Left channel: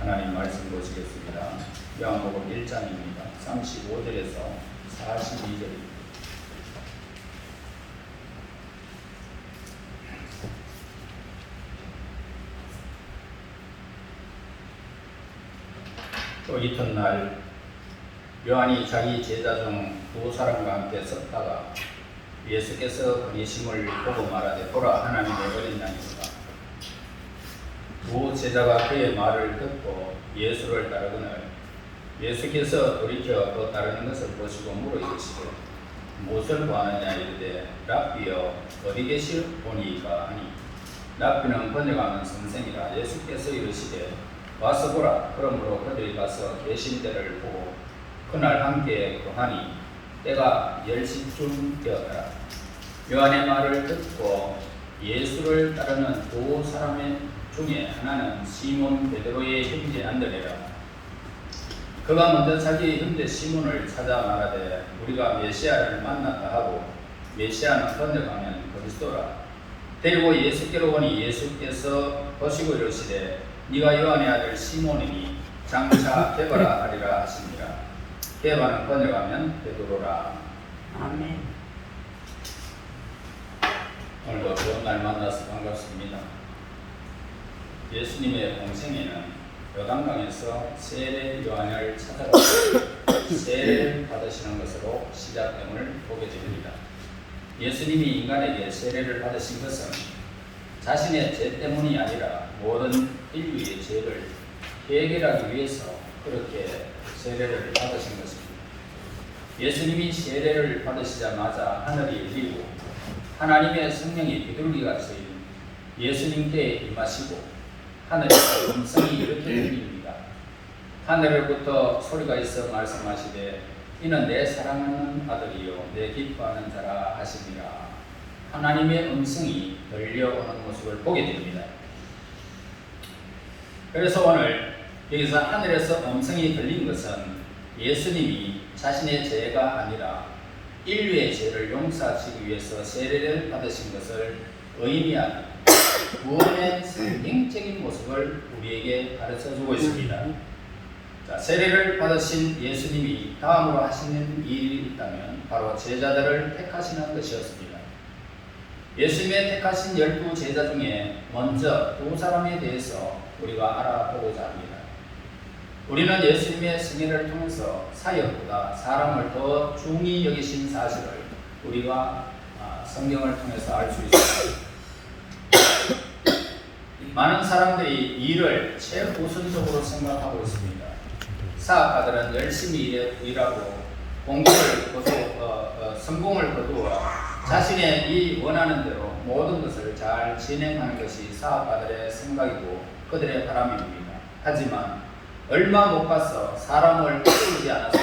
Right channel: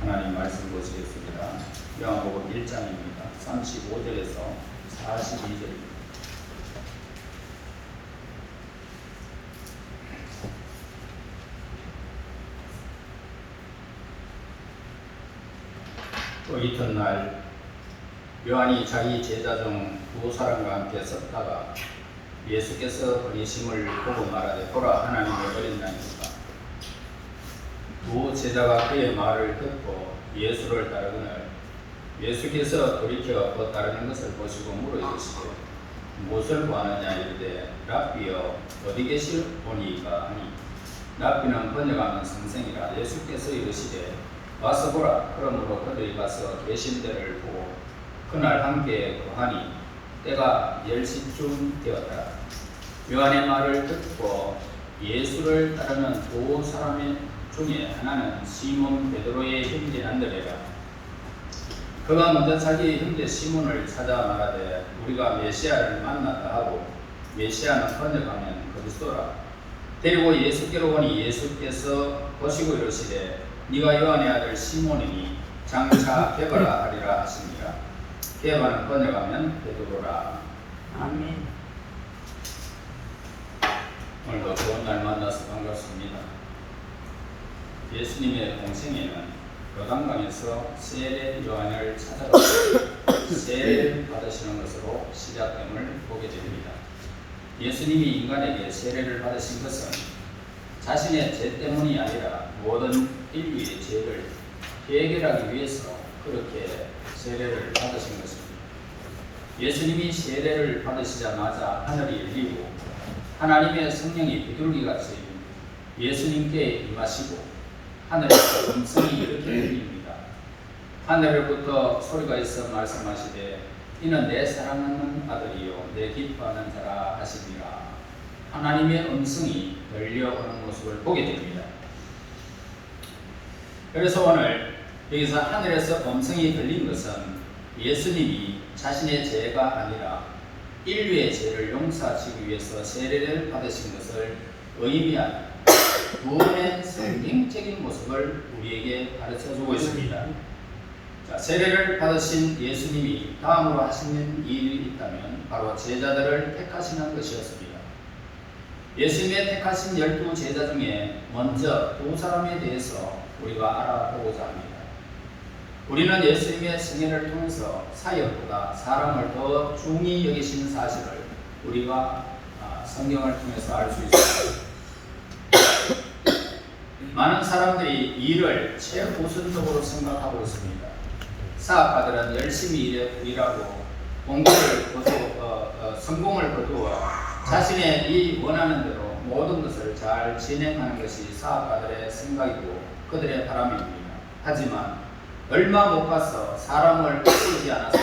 하나님 말씀 보시겠습니다. 요한복음 1장입니다. 35절에서 42절입니다. 또 이튿날 요한이 자기 제자 중 두 사람과 함께 섰다가 예수께서 그리심을 보고 말하되 보라 하나님의 어린 양이로다. 두 제자가 그의 말을 듣고 예수를 따르거늘 예수께서 돌이켜 그 따르는 것을 보시고 물어 이르시되 무엇을 구하느냐 이르되 랍비여 어디 계시오니이까 하니 랍비는 번역하면 선생이라. 예수께서 이르시되 와서 보라. 그러므로 그들이 가서 계신 데를 보고 그날 함께 거하니 때가 10시쯤 되었더라. 요한의 말을 듣고 예수를 따르는 두 사람 중에 하나는 시몬 베드로의 형제 안드레라. 그가 먼저 자기 형제 시몬을 찾아 말하되 우리가 메시아를 만났다 하고, 메시아는 번역하면 그리스도라. 데리고 예수께로 오니 예수께서 보시고 이르시되 네가 요한의 아들 시몬이니 장차 게바라 하리라 하시니라. 게바는 번역하면 베드로라. 아멘. 오늘도 좋은 날 만나서 반갑습니다. 예수님의 공생애는 요단강에서 세례 요한을 찾아가서 세례를 받으시는 것으로 시작됨을 보게 됩니다. 예수님이 인간에게 세례를 받으신 것은 자신의 죄 때문이 아니라 모든 인류의 죄를 해결하기 위해서 그렇게 세례를 받으신 것입니다. 예수님이 세례를 받으시자마자 하늘이 열리고 하나님의 성령이 비둘기같이 예수님께 임하시고 하늘에서 음성이 이렇게 들립니다. 하늘로부터 소리가 있어 말씀하시되 이는 내 사랑하는 아들이요 내 기뻐하는 자라 하시니라. 하나님의 음성이 들려오는 모습을 보게 됩니다. 그래서 오늘 여기서 하늘에서 음성이 들린 것은 예수님이 자신의 죄가 아니라 인류의 죄를 용서하시기 위해서 세례를 받으신 것을 의미하는 구원의 상징적인 모습을 우리에게 가르쳐주고 있습니다. 자, 세례를 받으신 예수님이 다음으로 하시는 일이 있다면 바로 제자들을 택하시는 것이었습니다. 예수님의 택하신 12 제자 중에 먼저 두 사람에 대해서 우리가 알아보고자 합니다. 우리는 예수님의 승리를 통해서 사역보다 사람을 더 중히 여기신 사실을 우리가 성경을 통해서 알 수 있습니다. 많은 사람들이 일을 최우선적으로 생각하고 있습니다. 사업가들은 열심히 일하고 성공을 거두어 자신의 이 원하는 대로 모든 것을 잘 진행하는 것이 사업가들의 생각이고 그들의 바람입니다. 하지만 얼마 못 가서 사람을 키우지 않아서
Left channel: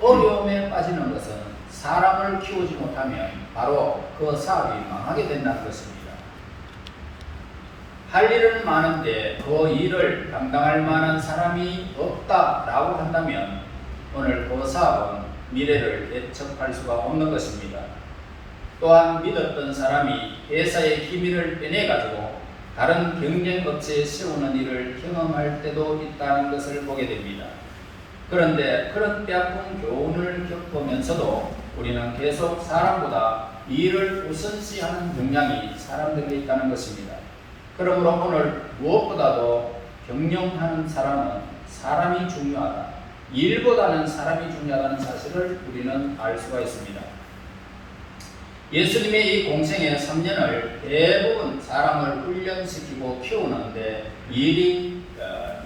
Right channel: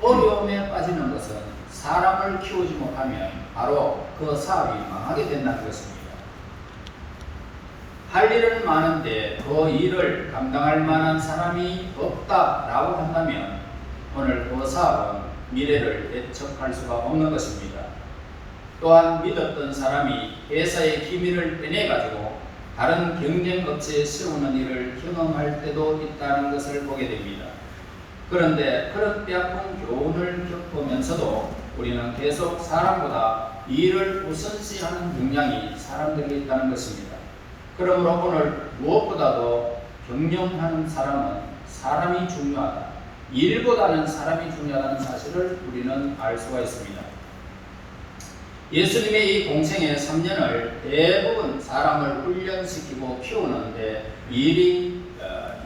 어려움에 빠지는 것은 사람을 키우지 못하면 바로 그 사업이 망하게 된다는 것입니다. 할 일은 많은데 그 일을 감당할 만한 사람이 없다라고 한다면 오늘 그 사업은 미래를 예측할 수가 없는 것입니다. 또한 믿었던 사람이 회사의 기밀을 빼내가지고 다른 경쟁 업체에 세우는 일을 경험할 때도 있다는 것을 보게 됩니다. 그런데 그런 뼈아픈 교훈을 겪으면서도 우리는 계속 사람보다 일을 우선시하는 경향이 사람들에 있다는 것입니다. 그러므로 오늘 무엇보다도 경영하는 사람은 사람이 중요하다. 일보다는 사람이 중요하다는 사실을 우리는 알 수가 있습니다. 예수님의 이 공생의 3년을 대부분 사람을 훈련시키고 키우는데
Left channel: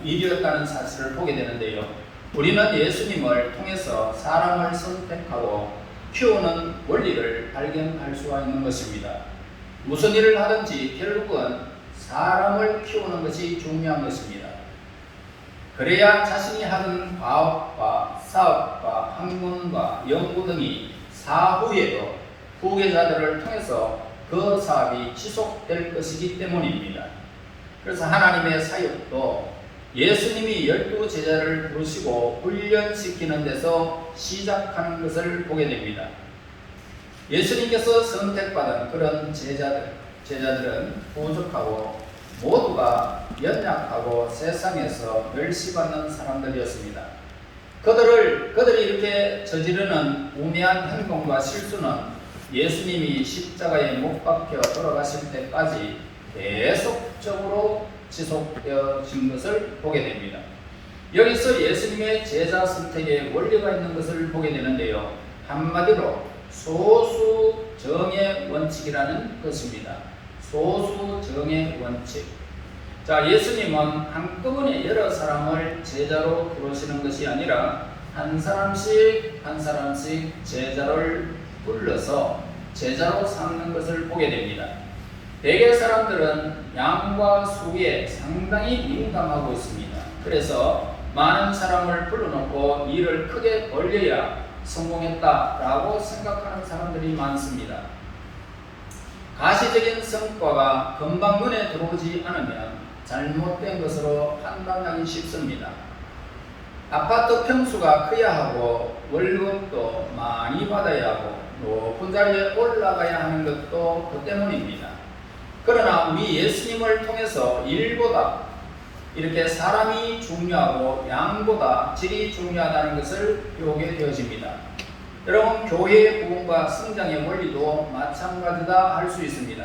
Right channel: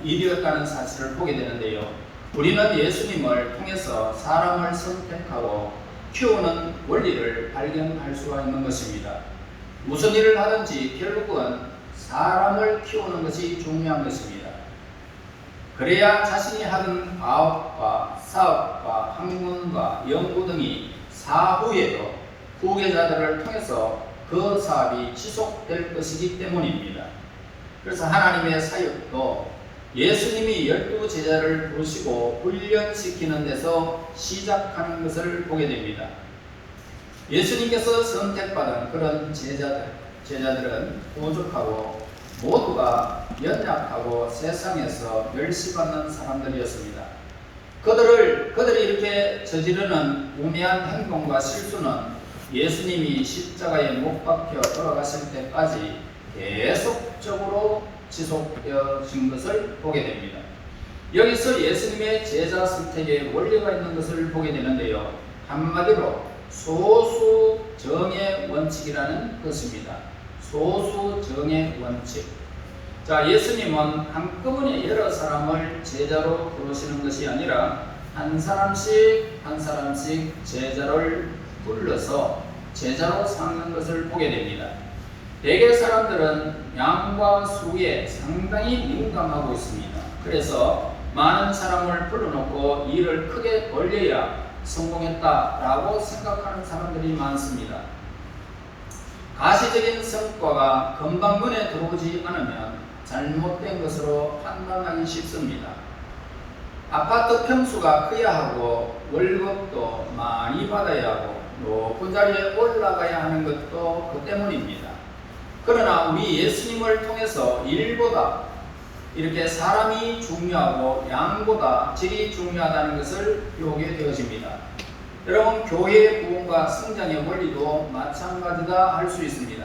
일이었다는 사실을 보게 되는데요. 우리는 예수님을 통해서 사람을 선택하고 키우는 원리를 발견할 수가 있는 것입니다. 무슨 일을 하든지 결국은 사람을 키우는 것이 중요한 것입니다. 그래야 자신이 하던 과업과 사업과 학문과 연구 등이 사후에도 후계자들을 통해서 그 사업이 지속될 것이기 때문입니다. 그래서 하나님의 사역도 예수님이 12 제자를 부르시고 훈련시키는 데서 시작하는 것을 보게 됩니다. 예수님께서 선택받은 그런 제자들은 부족하고 모두가 연약하고 세상에서 멸시받는 사람들이었습니다. 그들이 이렇게 저지르는 우매한 행동과 실수는 예수님이 십자가에 못 박혀 돌아가실 때까지 계속적으로 지속되어진 것을 보게 됩니다. 여기서 예수님의 제자 선택에 원리가 있는 것을 보게 되는데요. 한마디로 소수정의 원칙이라는 것입니다. 소수정의 원칙. 자, 예수님은 한꺼번에 여러 사람을 제자로 부르시는 것이 아니라 한 사람씩 제자를 불러서 제자로 삼는 것을 보게 됩니다. 대개 사람들은 양과 수에 상당히 민감하고 있습니다. 그래서 많은 사람을 불러놓고 일을 크게 벌려야 성공했다라고 생각하는 사람들이 많습니다. 가시적인 성과가 금방 눈에 들어오지 않으면 잘못된 것으로 판단하기 쉽습니다. 아파트 평수가 커야 하고 월급도 많이 받아야 하고 높은 자리에 올라가야 하는 것도 그 때문입니다. 그러나 우리 예수님을 통해서 일보다 이렇게 사람이 중요하고 양보다 질이 중요하다는 것을 배우게 되어집니다. 여러분, 교회의 부흥과 성장의 원리도 마찬가지다 할 수 있습니다.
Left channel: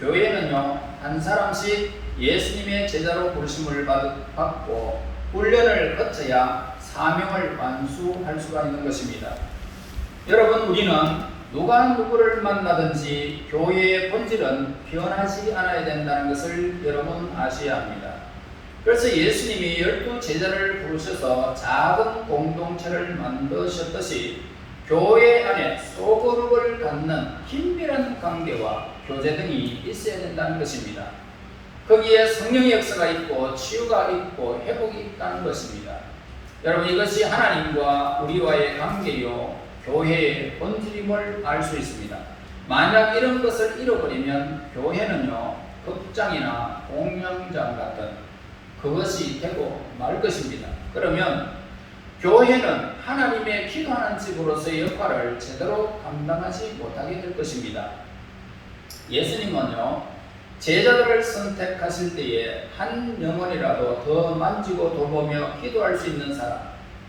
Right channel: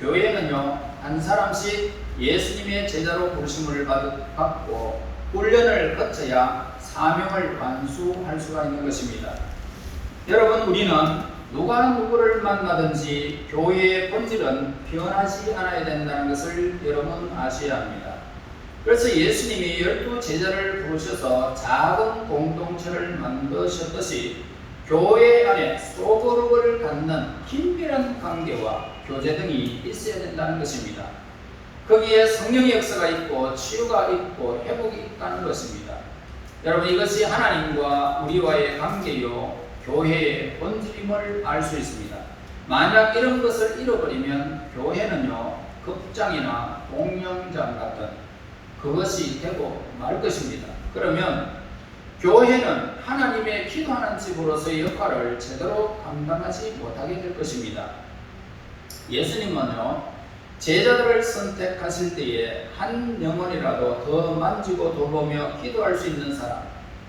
교회는요, 한 사람씩 예수님의 제자로 부르심을 받고 훈련을 거쳐야 사명을 완수할 수가 있는 것입니다. 여러분, 우리는 누가 누구를 만나든지 교회의 본질은 변하지 않아야 된다는 것을 여러분 아셔야 합니다. 그래서 예수님이 12 제자를 부르셔서 작은 공동체를 만드셨듯이 교회 안에 소그룹을 갖는 긴밀한 관계와 교제 등이 있어야 된다는 것입니다. 거기에 성령의 역사가 있고 치유가 있고 회복이 있다는 것입니다. 여러분, 이것이 하나님과 우리와의 관계요 교회의 본질임을 알 수 있습니다. 만약 이런 것을 잃어버리면 교회는요 극장이나 공연장 같은 그것이 되고 말 것입니다. 그러면 교회는 하나님의 기도하는 집으로서의 역할을 제대로 감당하지 못하게 될 것입니다. 예수님은요 제자들을 선택하실 때에 한 영혼이라도 더 만지고 돌보며 기도할 수 있는 사람,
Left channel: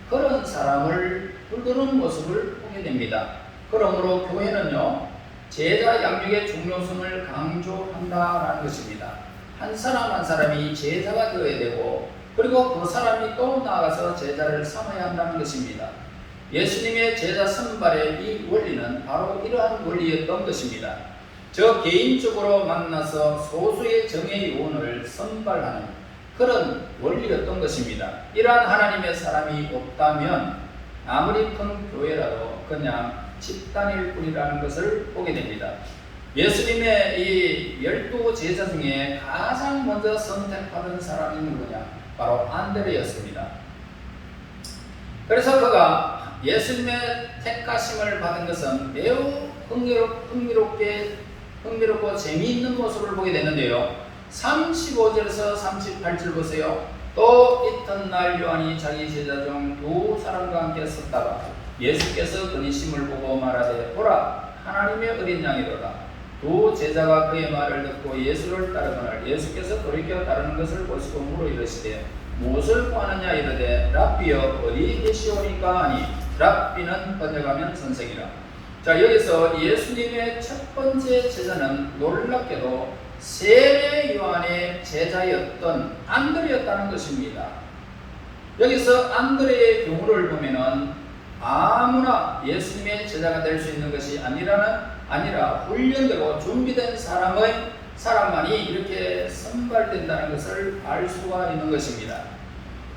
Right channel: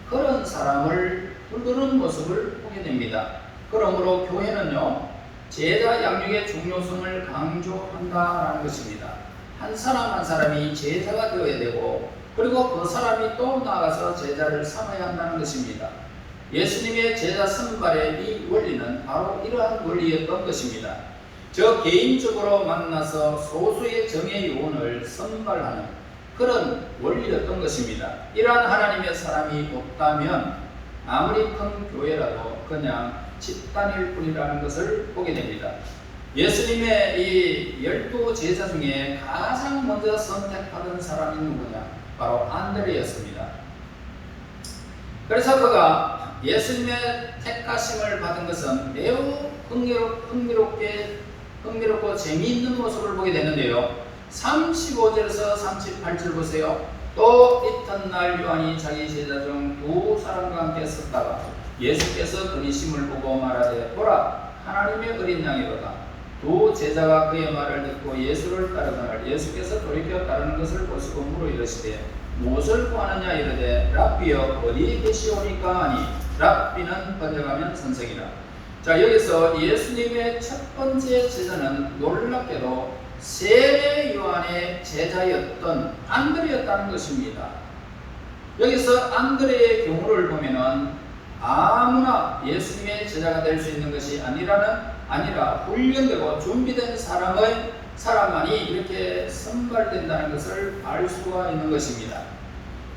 그런 사람을 부르는 모습을 보게 됩니다. 그러므로 교회는요 제자 양육의 중요성을 강조한다는 것입니다. 한 사람 한 사람이 제자가 되어야 되고, 그리고 그 사람이 또 나아가서 제자를 삼아야 한다는 것입니다. 예수님의 제자 선발의 이 원리는 바로 이러한 원리였던 것입니다. 저 개인적으로 만나서 소수의 정의 요원을 선발하는 그런 원리였던 것입니다. 이러한 하나님의 사람이 없다면 아무리 큰 교회라도 그냥 집단일 뿐이라는 것을 보게 됩니다. 예수님의 이 12 제자 중에 가장 먼저 선택받은 사람이 누구냐? 바로 안드레였습니다. 그래서 그가 예수님의 택하심을 받은 것은 매우 흥미롭고 재미있는 모습을 보게 되는데요. 35절에서 38절 보세요. 또 이튿날 요한이 자기 제자 중 2 사람과 함께 섰다가 예수께서 그니심을 보고 말하되 보라, 하나님의 어린 양이로다. 2 제자가 그의 말을 듣고 예수를 따르거늘 예수께서 돌이켜 따르는 것을 보시고 물어 이르시되 무엇을 구하느냐 이르되 랍비여 어디 계시오니까 하니, 랍비는 번역하면 선생이라. 자, 여기서 예수님의 첫 번째 제자는 놀랍게도 세례 요한의 제자였던 안드레였다는 것입니다. 여기서 안드레의 경우를 보면은 아무나 예수님의 제자가 될 수 있는 것이 아니라 훈련되고 준비된 사람만이 이렇게 선발된다는 것을 알 수가 있는 것입니다.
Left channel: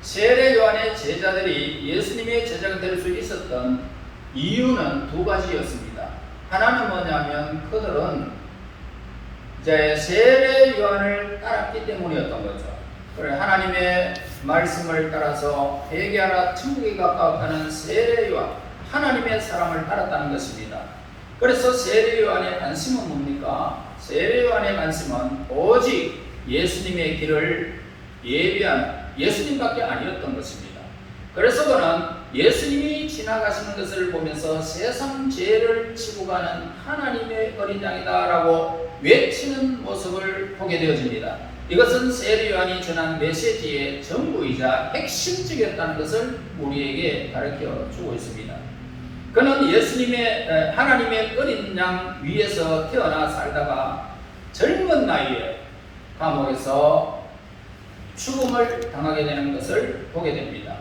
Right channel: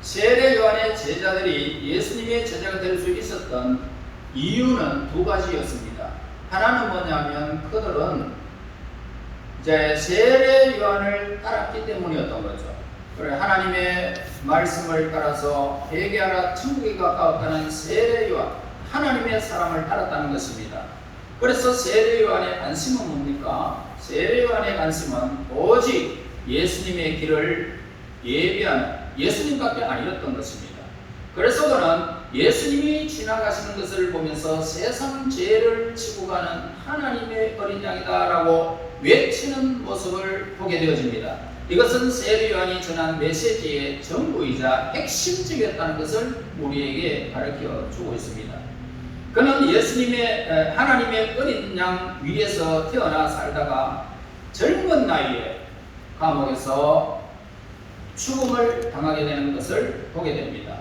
세례 요한의 제자들이 예수님의 제자가 될 수 있었던 이유는 2가지였습니다. 하나는 뭐냐면 그들은 이제 세례 요한을 따랐기 때문이었던 거죠. 그래, 하나님의 말씀을 따라서 회개하라 천국에 가까웠다는 세례 요한, 하나님의 사람을 따랐다는 것입니다. 그래서 세례 요한의 관심은 뭡니까? 세례 요한의 관심은 오직 예수님의 길을 예비하는 예수님밖에 아니었던 것입니다. 그래서 그는 예수님이 지나가시는 것을 보면서 세상 죄를 지고 가는 하나님의 어린 양이다 라고 외치는 모습을 보게 되어집니다. 이것은 세례 요한이 전한 메시지의 전부이자 핵심적이었다는 것을 우리에게 가르쳐 주고 있습니다. 그는 예수님의 하나님의 어린 양 위에서 태어나 살다가 젊은 나이에 감옥에서 죽음을 당하게 되는 것을 보게 됩니다.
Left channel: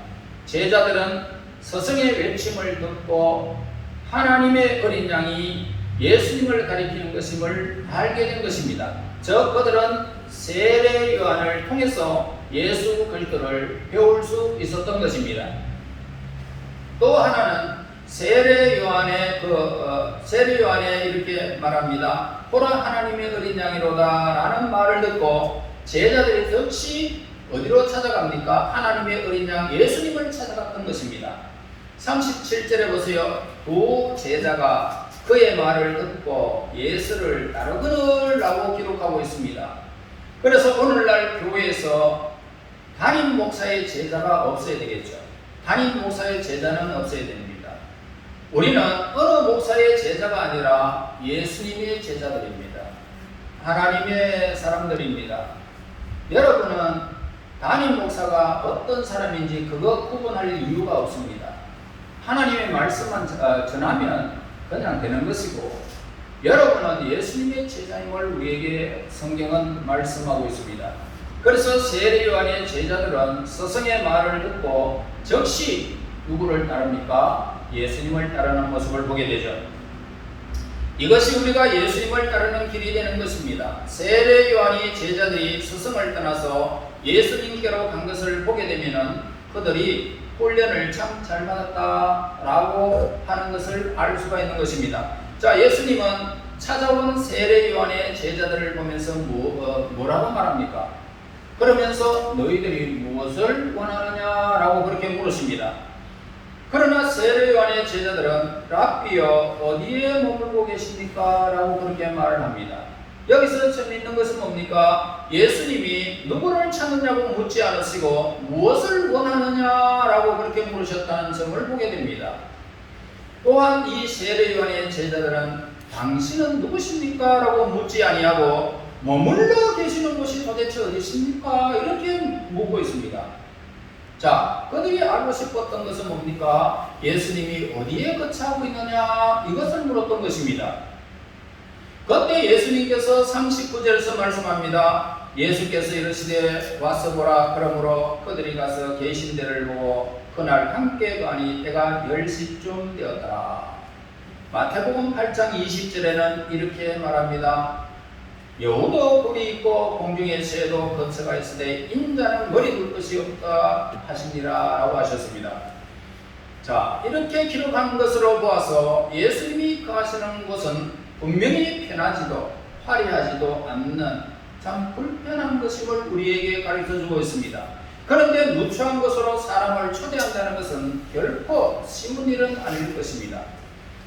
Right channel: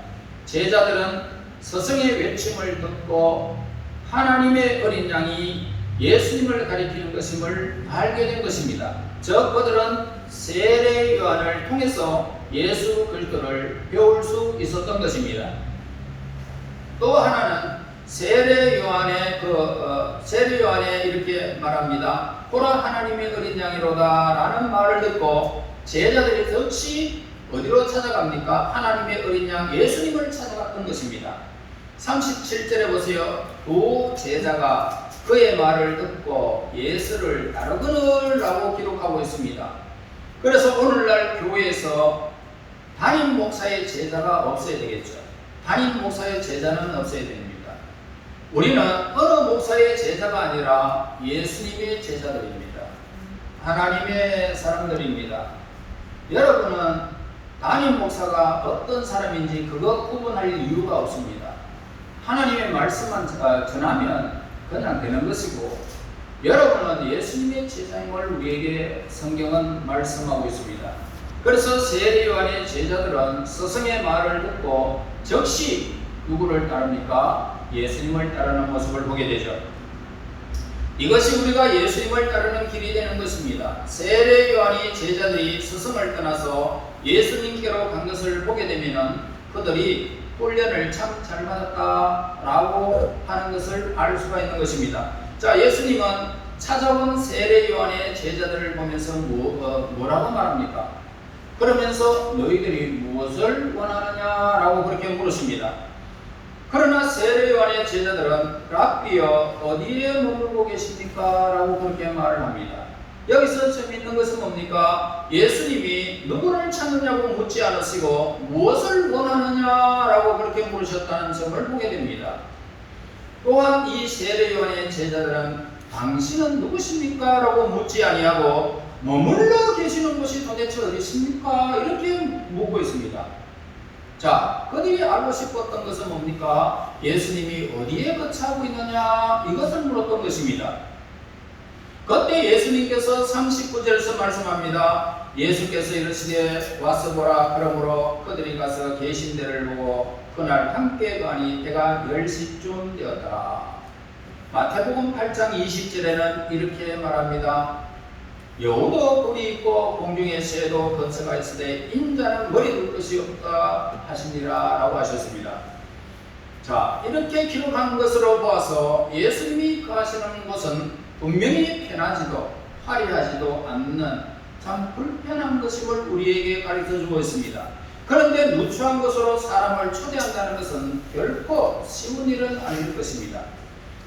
제자들은 스승의 외침을 듣고 하나님의 어린 양이 예수님을 가리키는 것임을 알게 된 것입니다. 즉 그들은 세례 요한을 통해서 예수 그리스도를 배울 수 있었던 것입니다. 또 하나는 세례 요한에 이렇게 말합니다. 보라 하나님의 어린 양이로다 라는 말을 듣고 제자들이 역시 어디로 찾아갑니까? 하나님의 어린 양 예수님을 찾아갔던 것입니다. 37절에 보세요. 두 제자가 그의 말을 듣고 예수를 따르거늘 라고 기록하고 있습니다. 그래서 오늘날 교회에서 담임 목사의 제자가 없어야 되겠죠. 담임 목사의 제자는 없어야 됩니다. 우리는 어느 목사의 제자가 아니라 예수님의 제자들입니다. 하나님의 사람들입니다. 여러분은 담임 목사가 어떤 사람인지 그거 구분할 이유가 없습니다. 하나님의 말씀만 전하면 그냥 되는 것이고, 여러분은 예수님의 제자임을 우리에게 성경은 말씀하고 있습니다. 그래서 세례 요한의 제자들은 스승의 말을 듣고 즉시 누구를 따릅니까? 예수님을 따르는 모습을 보게 되죠. 이것이 우리가 예수님을 따르는 길이 되는 것입니다. 세례 요한이 제자들이 스승을 떠나서 예수님께로 간 것을 보게 되면 그들이 훈련을 참 잘 받았다라고 하는 것을 알 수가 있는 것입니다. 자, 예수님은 찾아온 세례 요한의 제자들을 보면서 뭐라고 말합니까? 그러면서 너희들이 무엇을 원하느냐라고 그렇게 물으십니다. 그러나 세례 요한의 제자들은 랍비여 어디에 머물고 계십니까? 라고 그렇게 말을 합니다. 여기서 재미있는 것은 뭡니까? 예수님이 누구를 찾느냐고 묻지 않으시고 무엇을 원하느냐라고 그렇게 물으셨다는 점을 보게 됩니다. 또한 이 세례 요한의 제자들은 당신은 누구십니까? 라고 묻지 아니하고 머물러 계시는 곳이 도대체 어디십니까? 이렇게 묻고 있습니다. 자, 그들이 알고 싶었던 것은 뭡니까? 예수님이 어디에 거처하고 있느냐? 이것을 물었던 것입니다. 그때 예수님께서 39절에서 말씀합니다. 예수께서 이르시되 와서 보라. 그러므로 그들이 가서 계신 데를 보고 그날 함께 가니 때가 10시쯤 되었더라. 마태복음 8장 20절에는 이렇게 말합니다. 여우도 뿔이 있고 공중의 새도 거처가 있으되 인자는 머리 둘 것이 없다 하시니라 라고 하셨습니다. 자, 이렇게 기록한 것으로 보아서 예수님이 거하시는 곳은 분명히 편하지도 화려하지도 않는 참 불편한 것임을 우리에게 가르쳐주고 있습니다. 그런데 누추한 것으로 사람을 초대한다는 것은 결코 쉬운 일은 아닐 것입니다.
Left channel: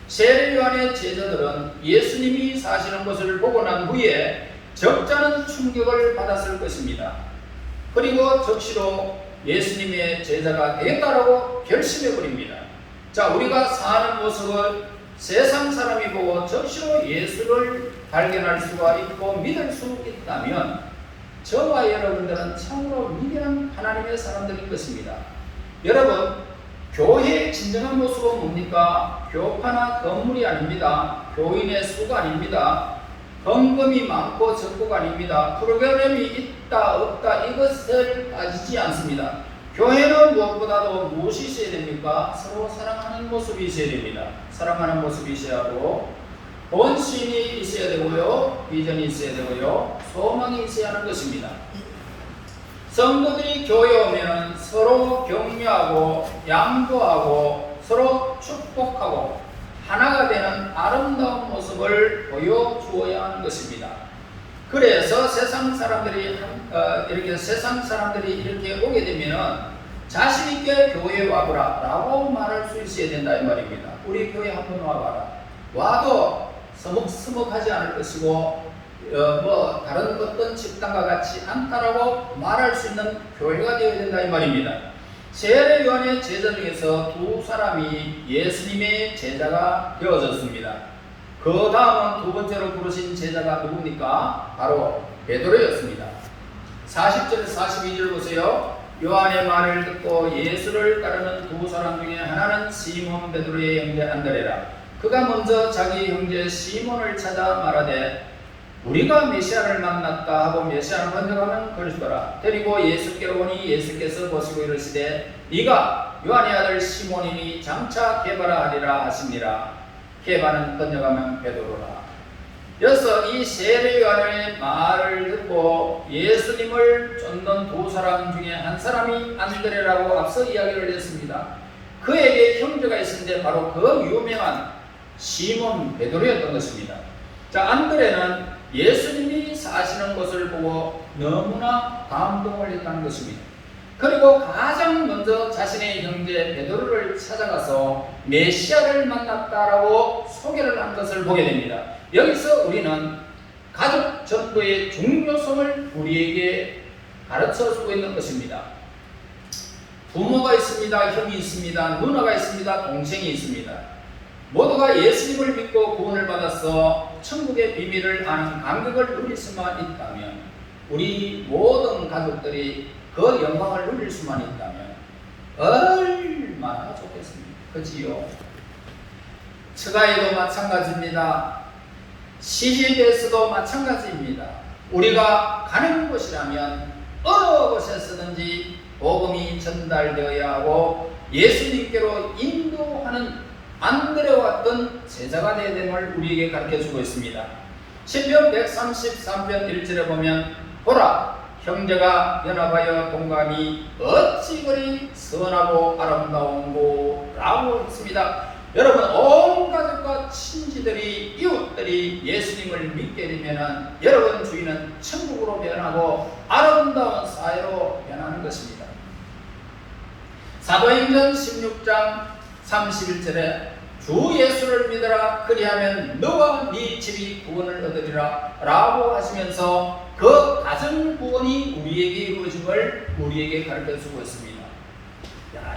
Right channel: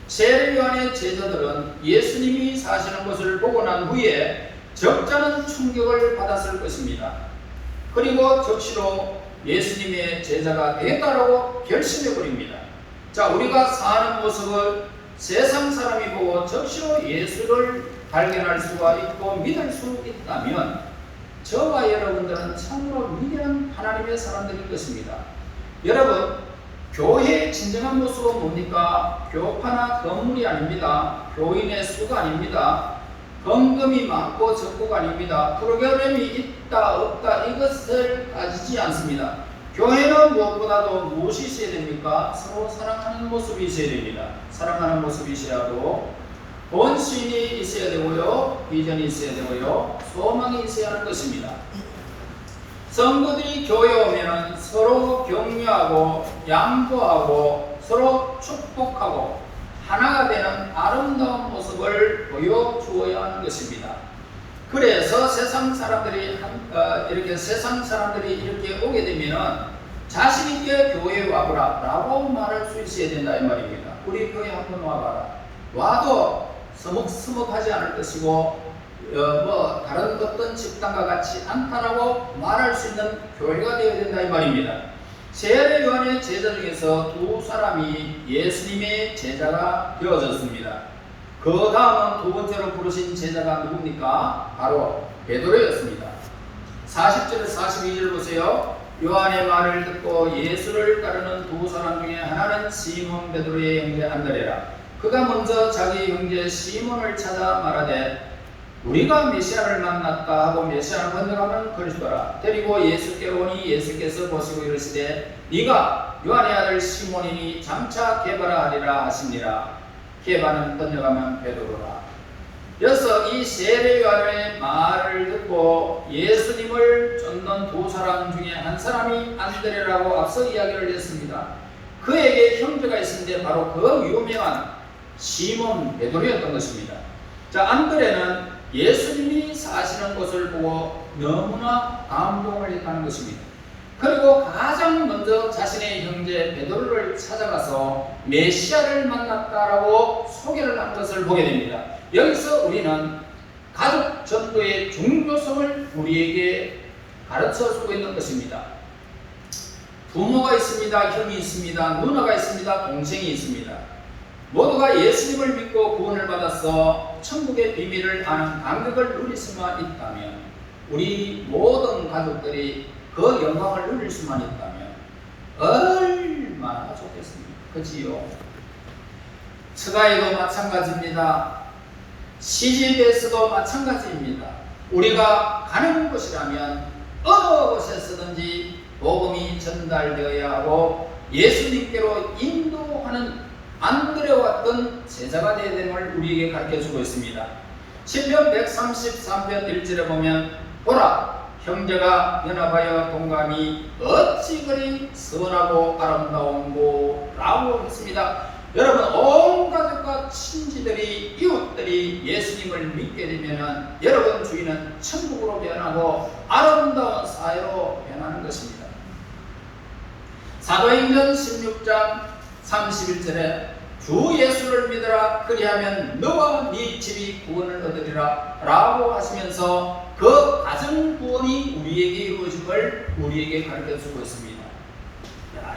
세례 요한의 제자들은 예수님이 사시는 것을 보고 난 후에 적잖은 충격을 받았을 것입니다. 그리고 즉시로 예수님의 제자가 되겠다라고 결심해버립니다. 자, 우리가 사는 모습을 세상 사람이 보고 즉시로 예수를 발견할 수가 있고 믿을 수 있다면 저와 여러분들은 참으로 위대한 하나님의 사람들일 것입니다. 여러분, 교회의 진정한 모습은 뭡니까? 교파나 건물이 아닙니다. 교인의 수가 아닙니다. 헌금이 많고 적고가 아닙니다. 프로그램이 있다 없다 이것을 따지지 않습니다. 교회는 무엇보다도 무엇이 있어야 됩니까? 서로 사랑하는 모습이 있어야 됩니다. 사랑하는 모습이 있어야 하고 본심이 있어야 되고요, 비전이 있어야 되고요, 소망이 있어야 하는 것입니다. 성도들이 교회에 오면 서로 격려하고 양보하고 서로 축복하고 하나가 되는 아름다운 모습을 보여주어야 하는 것입니다. 그래서 세상 사람들이 이렇게 오게 되면 자신 있게 교회에 와보라 라고 말할 수 있어야 된다 이 말입니다. 우리 교회 한번 와봐라. 와도 서먹서먹하지 않을 것이고 다른 어떤 집단과 같이 않다라고 말할 수 있는 교회가 되어야 된다 이 말입니다. 세례 요한의 제자 중에서 두 사람이 예수님의 제자가 되어졌습니다. 그 다음은 두 번째로 부르신 제자가 누굽니까? 바로 베드로였습니다. 40절 42절 보세요. 요한의 말을 듣고 예수를 따르는 두 사람 중에 하나는 시몬 베드로의 형제 안드레라. 그가 먼저 자기 형제 시몬을 찾아 말하되 우리가 메시아를 만났다 하고 메시아를 번역하면 그리스도라. 데리고 예수께로 오니 예수께서 보시고 이르시되 네가 요한의 아들 시몬이니 장차 게바라 하리라 하시니라. 게바는 번역하면 베드로라. 그래서 이 세례 요한의 말을 듣고 예수님을 쫓는 두 사람 중에 한 사람이 안드레라고 앞서 이야기를 했습니다. 그에게 형제가 있었는데 바로 그 유명한 시몬 베드로였던 것입니다. 자, 안드레는 예수님이 사시는 것을 보고 너무나 감동을 했다는 것입니다. 그리고 가장 먼저 자신의 형제 베드로를 찾아가서 메시아를 만났다라고 소개를 한 것을 보게 됩니다. 여기서 우리는 가족 전도의 중요성을 우리에게 가르쳐 주고 있는 것입니다. 부모가 있습니다. 형이 있습니다. 누나가 있습니다. 동생이 있습니다. 모두가 예수님을 믿고 구원을 받아서 천국의 비밀을 아는 감격을 누릴 수만 있다면, 우리 모든 가족들이 그 영광을 누릴 수만 있다면 얼마나 좋겠습니까? 그지요? 처가에도 마찬가지입니다. 시집에서도 마찬가지입니다. 우리가 가는 곳이라면 어느 곳에서든지 복음이 전달되어야 하고 예수님께로 인도하는 안드레와 같은 제자가 되어야 됨을 우리에게 가르쳐주고 있습니다. 시편 133편 1절에 보면 보라 형제가 연합하여 동감이 어찌 그리 선하고 아름다운고 라고 했습니다. 여러분, 온 가족과 친지들이 이웃들이 예수님을 믿게 되면 여러분 주위는 천국으로 변하고 아름다운 사회로 변하는 것입니다. 사도행전 16장 31절에 주 예수를 믿으라 그리하면 너와 네 집이 구원을 얻으리라 라고 하시면서 그 가정 구원이 우리에게 이루어짐을 우리에게 가르쳐주고 있습니다.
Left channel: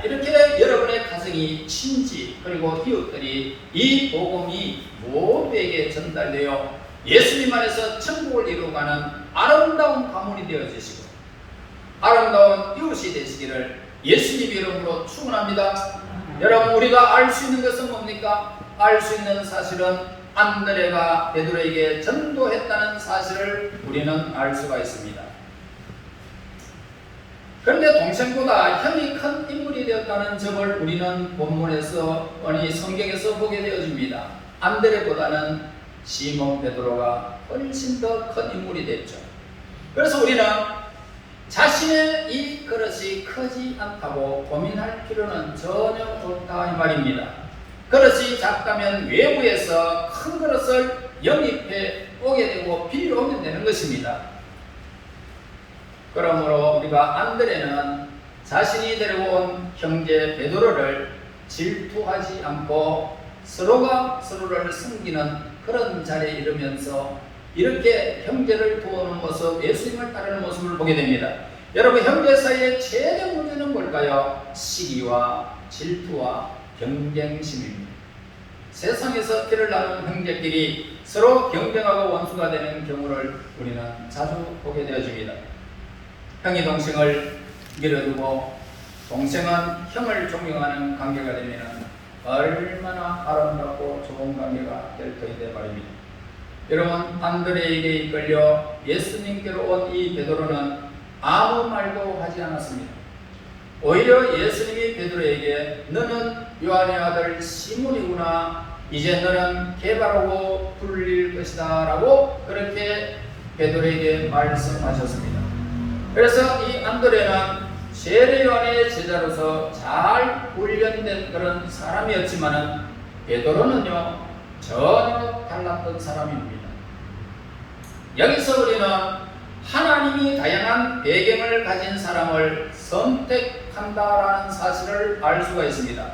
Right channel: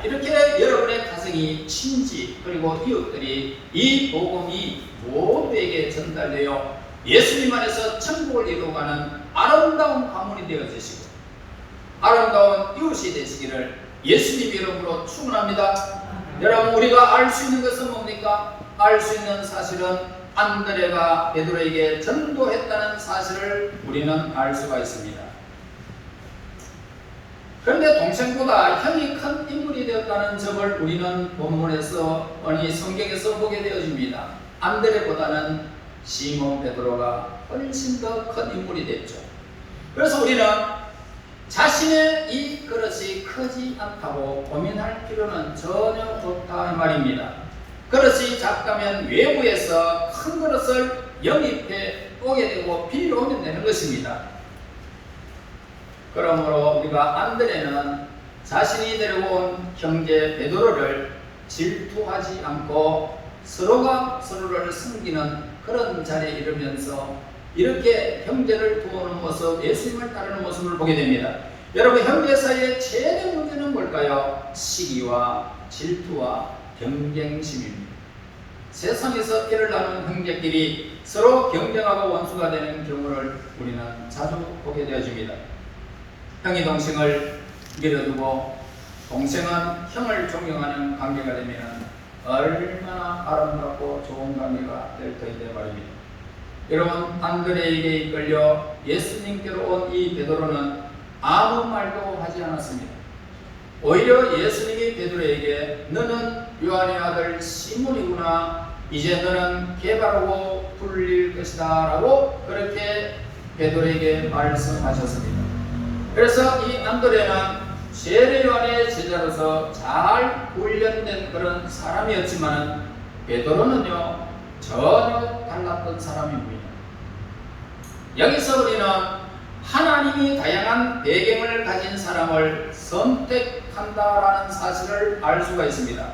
이렇게 여러분의 가정이, 친지 그리고 이웃들이 이 복음이 모두에게 전달되어 예수님 안에서 천국을 이루어가는 아름다운 가문이 되어주시고 아름다운 이웃이 되시기를 예수님 이름으로 축원합니다. 여러분, 우리가 알 수 있는 것은 뭡니까? 알 수 있는 사실은 안드레가 베드로에게 전도했다는 사실을 우리는 알 수가 있습니다. 그런데 동생보다 형이 큰 인물이 되었다는 점을 우리는 본문에서, 아니 성경에서 보게 되어집니다. 안드레보다는 시몬 베드로가 훨씬 더 큰 인물이 됐죠. 그래서 우리는 자신의 이 그릇이 크지 않다고 고민할 필요는 전혀 없다 이 말입니다. 그릇이 작다면 외부에서 큰 그릇을 영입해 오게 되고 빌려오면 되는 것입니다. 그러므로 우리가 안드레는 자신이 데려온 형제 베드로를 질투하지 않고 서로가 서로를 섬기는 그런 자리에 이르면서 이렇게 형제를 도우는 모습, 예수님을 따르는 모습을 보게 됩니다. 여러분, 형제 사이의 최대 문제는 뭘까요? 시기와 질투와 경쟁심입니다. 세상에서 피를 나눈 형제끼리 서로 경쟁하고 원수가 되는 경우를 우리는 자주 보게 되어집니다. 형이 동생을 밀어두고 동생은 형을 존경하는 관계가 되면 얼마나 아름답고 좋은 관계가 될 터이다 말입니다. 여러분, 안드레에게 이끌려 예수님께로 온 이 베드로는 아무 말도 하지 않았습니다. 오히려 예수님이 베드로에게 너는 요한의 아들 시몬이구나, 이제 너는 게바라고 불릴 것이다 라고 그렇게 베드로에게 말씀하셨습니다. 그래서 이 안드레는 세례 요한의 제자로서 잘 훈련된 그런 사람이었지만 베드로는요 전혀 달랐던 사람입니다. 여기서 우리는 하나님이 다양한 배경을 가진 사람을 선택한다라는 사실을 알 수가 있습니다.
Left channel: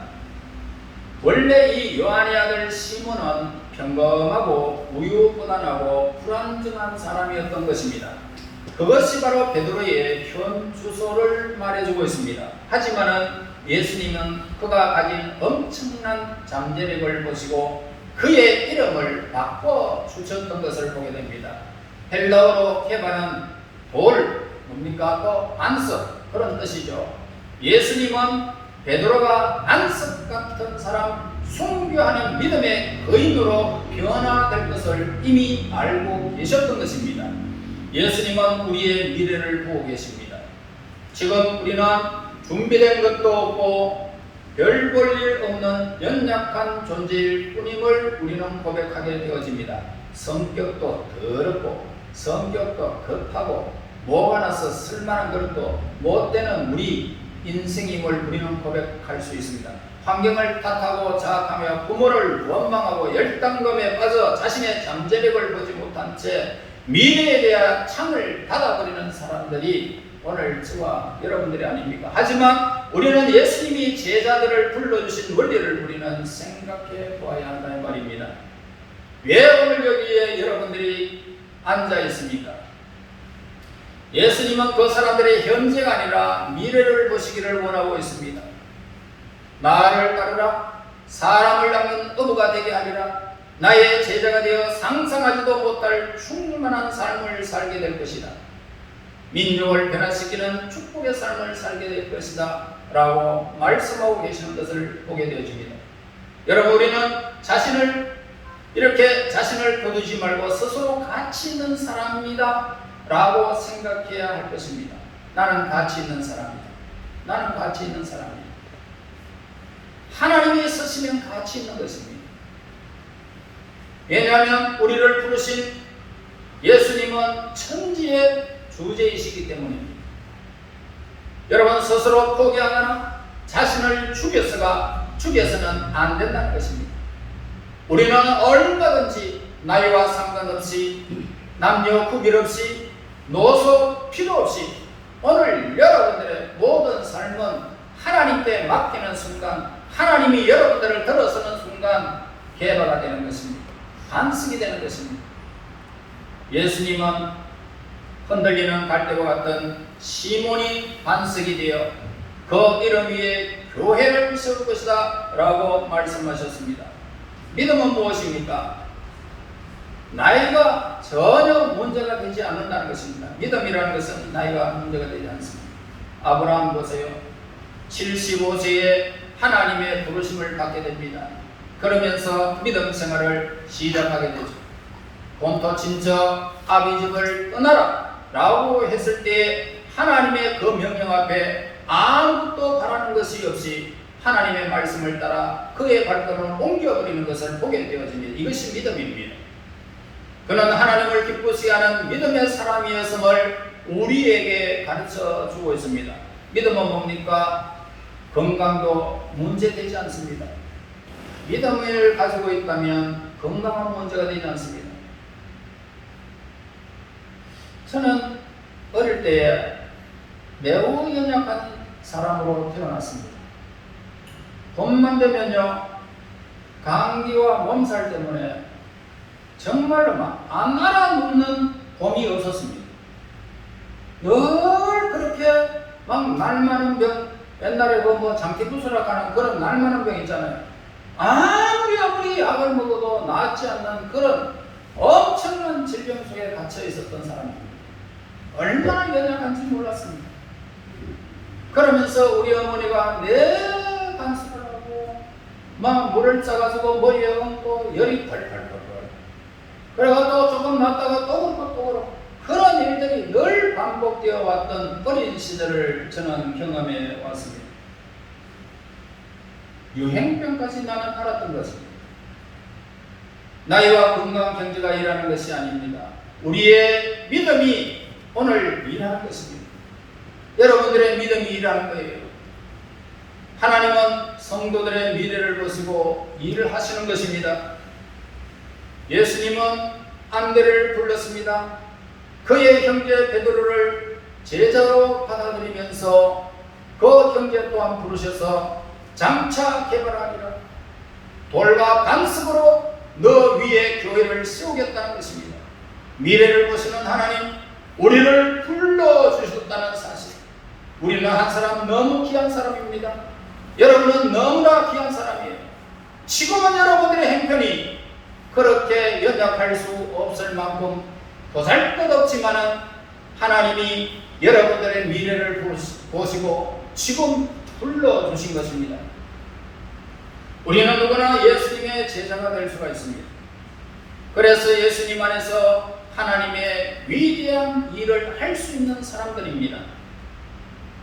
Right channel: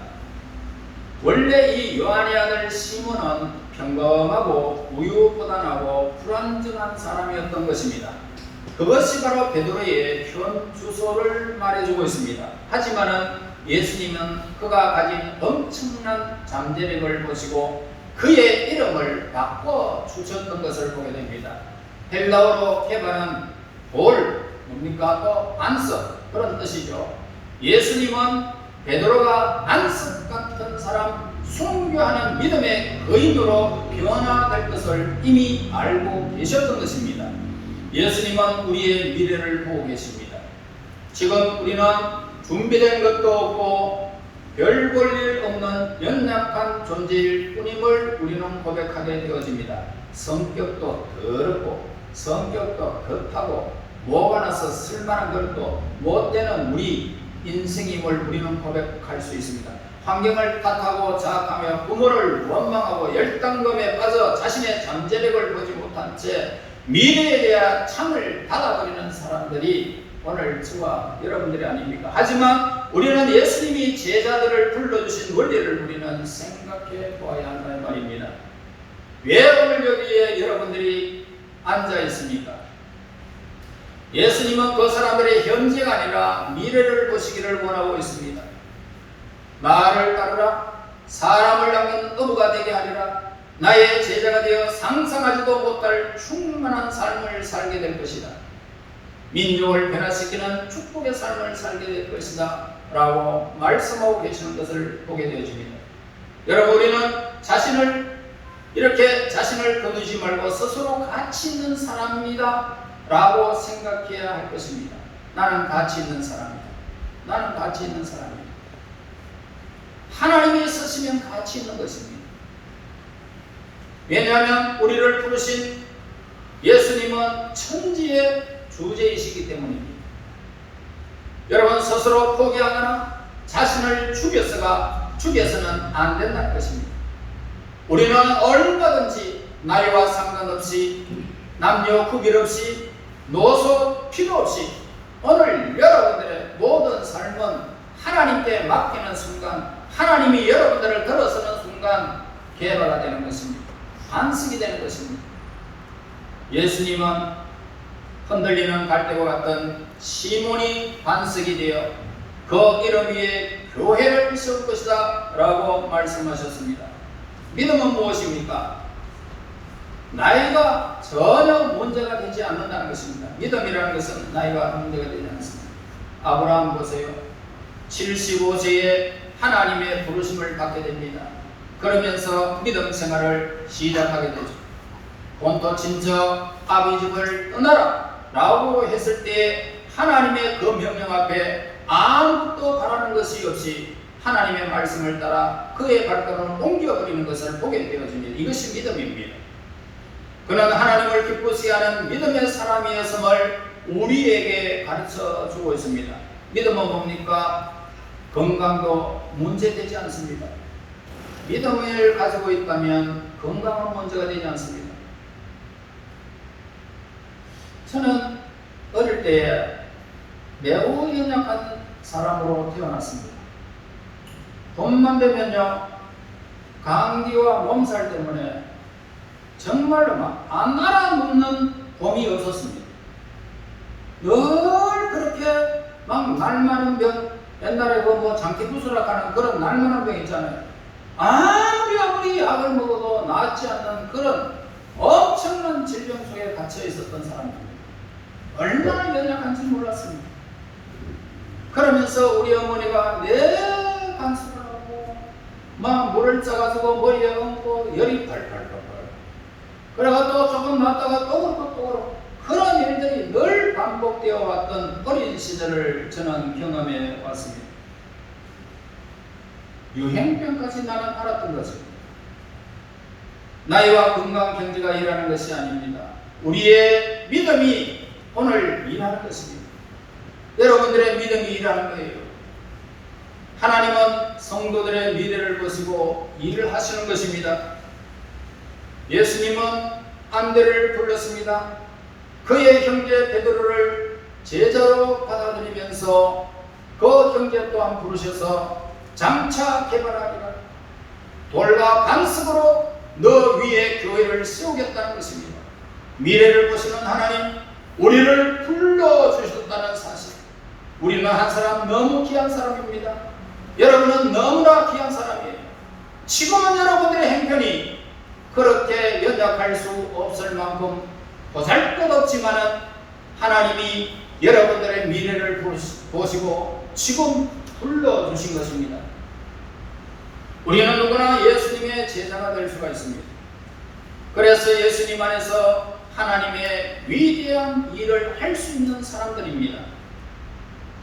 원래 이 요한의 아들 시몬은 평범하고 우유부단하고 불완전한 사람이었던 것입니다. 그것이 바로 베드로의 현 주소를 말해주고 있습니다. 하지만은 예수님은 그가 가진 엄청난 잠재력을 보시고 그의 이름을 바꿔 주셨던 것을 보게 됩니다. 헬라어로 게바는 볼, 뭡니까? 또 안석, 그런 뜻이죠. 예수님은 베드로가 안석 같은 사람, 순교하는 믿음의 거인으로 변화될 것을 이미 알고 계셨던 것입니다. 예수님은 우리의 미래를 보고 계십니다. 지금 우리는 준비된 것도 없고 별 볼 일 없는 연약한 존재일 뿐임을 우리는 고백하게 되어집니다. 성격도 더럽고 성격도 급하고 뭐가 나서 쓸만한 것도 못되는 우리 인생임을 우리는 고백할 수 있습니다. 환경을 탓하고 자학하며 부모를 원망하고 열등감에 빠져 자신의 잠재력을 보지 못한 채 미래에 대한 창을 닫아버리는 사람들이 오늘 저와 여러분들이 아닙니까? 하지만 우리는 예수님이 제자들을 불러주신 원리를 우리는 생각해 보아야 한다는 말입니다. 왜 오늘 여기에 여러분들이 앉아 있습니까? 예수님은 그 사람들의 현재가 아니라 미래를 보시기를 원하고 있습니다. 나를 따르라, 사람을 닮은 어부가 되게 하리라, 나의 제자가 되어 상상하지도 못할 충만한 삶을 살게 될 것이다. 민족을 변화시키는 축복의 삶을 살게 될 것이다 라고 말씀하고 계시는 것을 보게 되어집니다. 여러분, 우리는 자신을 거두지 말고 스스로 가치 있는 사람입니다 라고 생각해야 할 것입니다. 나는 가치 있는 사람이다. 나는 가치 있는 사람이다. 하나님이 쓰시면 가치 있는 것입니다. 왜냐하면 우리를 부르신 예수님은 천지의 주제이시기 때문입니다. 여러분, 스스로 포기하거나 자신을 죽여서는 안 된다는 것입니다. 우리는 얼마든지 나이와 상관없이 남녀 구별 없이 노소 필요 없이 오늘 여러분들의 모든 삶은 하나님께 맡기는 순간, 하나님이 여러분들을 들어서는 순간 개화가 되는 것입니다. 반석이 되는 것입니다. 예수님은 흔들리는 갈대와 같은 시몬이 반석이 되어 그 이름 위에 교회를 세울 것이다 라고 말씀하셨습니다. 믿음은 무엇입니까? 나이가 전혀 문제가 되지 않는다는 것입니다. 믿음이라는 것은 나이가 문제가 되지 않습니다. 아브라함 보세요. 75세에 하나님의 부르심을 받게 됩니다. 그러면서 믿음 생활을 시작하게 되죠. 본토 친척 아비 집을 떠나라 라고 했을 때 하나님의 그 명령 앞에 아무것도 바라는 것이 없이 하나님의 말씀을 따라 그의 발걸음을 옮겨버리는 것을 보게 되어집니다. 이것이 믿음입니다. 그는 하나님을 기쁘시게 하는 믿음의 사람이었음을 우리에게 가르쳐 주고 있습니다. 믿음은 뭡니까? 건강도 문제되지 않습니다. 믿음을 가지고 있다면 건강은 문제가 되지 않습니다. 저는 어릴 때에 매우 연약한 사람으로 태어났습니다. 봄만 되면요, 감기와 몸살 때문에 정말로 막 안 알아눕는 봄이 없었습니다. 늘 그렇게 막 날마는 병, 옛날에 뭐 장기부스락 하는 그런 날마는 병 있잖아요. 아무리 약을 먹어도 낫지 않는 그런 엄청난 질병 속에 갇혀 있었던 사람입니다. 얼마나 연약한지 몰랐습니다. 그러면서 우리 어머니가 내 간수를 하고 막 물을 짜가지고 머리에 얹고 열이 팔팔팔, 그리고 또 조금 낫다가 또 그렇고 그런 일들이 늘 반복되어 왔던 어린 시절을 저는 경험해 왔습니다. 유행병까지 나는 알았던 것입니다. 나이와 건강 경제가 일하는 것이 아닙니다. 우리의 믿음이 오늘 일하는 것입니다. 여러분들의 믿음이 일하는 거예요. 하나님은 성도들의 미래를 보시고 일을 하시는 것입니다. 예수님은 안대를 불렀습니다. 그의 형제 베드로를 제자로 받아들이면서 그 형제 또한 부르셔서 장차 개발하리라. 돌과 반석으로 너 위에 교회를 세우겠다는 것입니다. 미래를 보시는 하나님, 우리를 불러주셨다는 사실. 우리는 한 사람 너무 귀한 사람입니다. 여러분은 너무나 귀한 사람이에요. 지금은 여러분들의 형편이 그렇게 연약할 수 없을 만큼 보잘것없지만은 하나님이 여러분들의 미래를 보시고 지금 불러주신 것입니다. 우리는 누구나 예수님의 제자가 될 수가 있습니다. 그래서 예수님 안에서 하나님의 위대한 일을 할 수 있는 사람들입니다.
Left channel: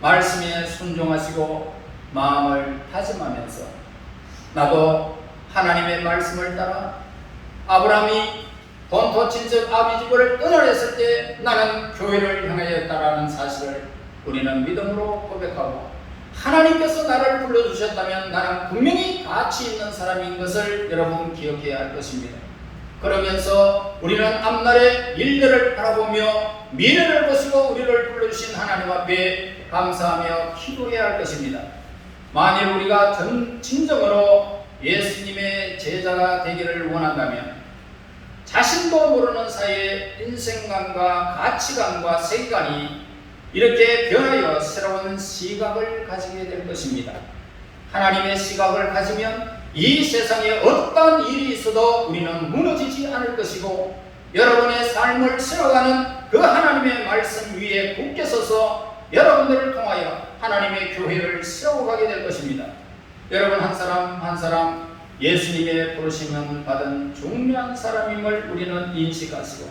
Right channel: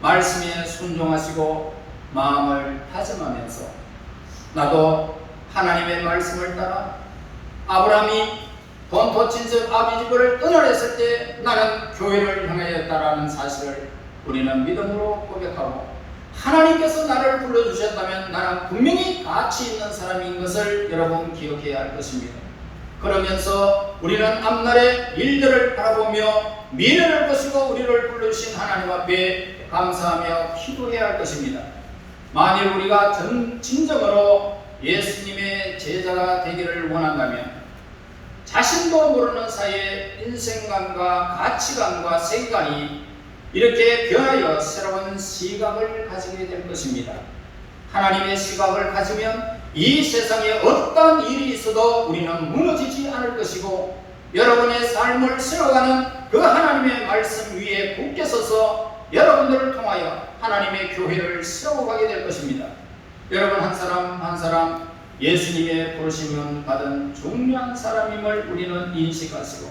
말씀에 순종하시고 마음을 다짐하면서 나도 하나님의 말씀을 따라 아브라함이 본토 친척 아비 집을 떠나냈을 때 나는 교회를 향하였다라는 사실을 우리는 믿음으로 고백하고, 하나님께서 나를 불러주셨다면 나는 분명히 가치 있는 사람인 것을 여러분 기억해야 할 것입니다. 그러면서 우리는 앞날의 일들을 바라보며 미래를 보시고 우리를 불러주신 하나님 앞에 감사하며 기도해야 할 것입니다. 만일 우리가 진정으로 예수님의 제자가 되기를 원한다면 자신도 모르는 사이에 인생관과 가치관과 세계관이 이렇게 변하여 새로운 시각을 가지게 될 것입니다. 하나님의 시각을 가지면 이 세상에 어떤 일이 있어도 우리는 무너지지 않을 것이고, 여러분의 삶을 세워가는 그 하나님의 말씀 위에 굳게 서서 여러분들을 통하여 하나님의 교회를 세워가게 될 것입니다. 여러분 한 사람 한 사람 예수님의 부르심을 받은 중요한 사람임을 우리는 인식하시고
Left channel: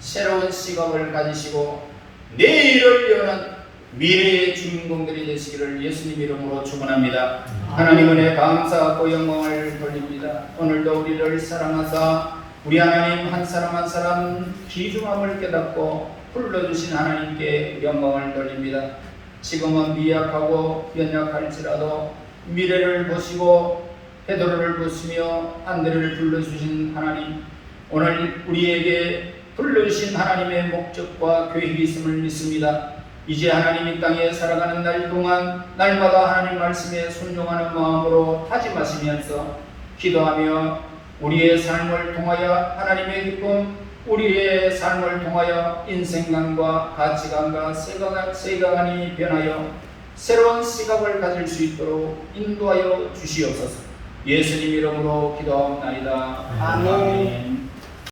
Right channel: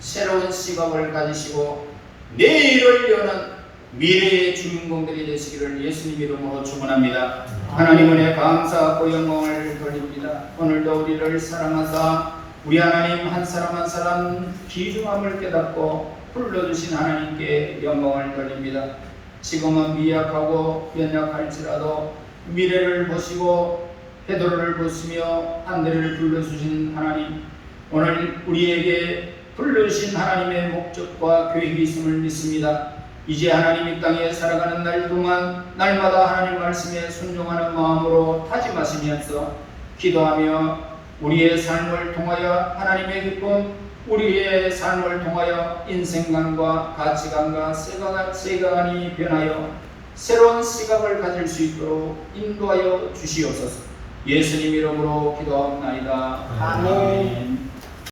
새로운 시각을 가지시고 내일을 여는 미래의 주인공들이 되시기를 예수님 이름으로 축원합니다. 하나님 은혜 감사하고 영광을 돌립니다. 오늘도 우리를 사랑하사 우리 하나님 한 사람 한 사람 귀중함을 깨닫고 불러주신 하나님께 영광을 돌립니다. 지금은 미약하고 연약할지라도 미래를 보시고 베드로를 보시며 안드레를 불러주신 하나님, 오늘 우리에게 불러주신 하나님의 목적과 계획이 있음을 믿습니다. 이제 하나님 이 땅에 살아가는 날 동안 날마다 하나님 말씀에 순종하는 마음으로 다짐하시면서 기도하며 우리의 삶을 통하여 하나님의 기쁨, 우리의 삶을 통하여 인생관과 가치관과 세계관이 변하여 새로운 시각을 가질 수 있도록 인도하여 주시옵소서. 예수님 이름으로 기도하옵나이다. 아멘.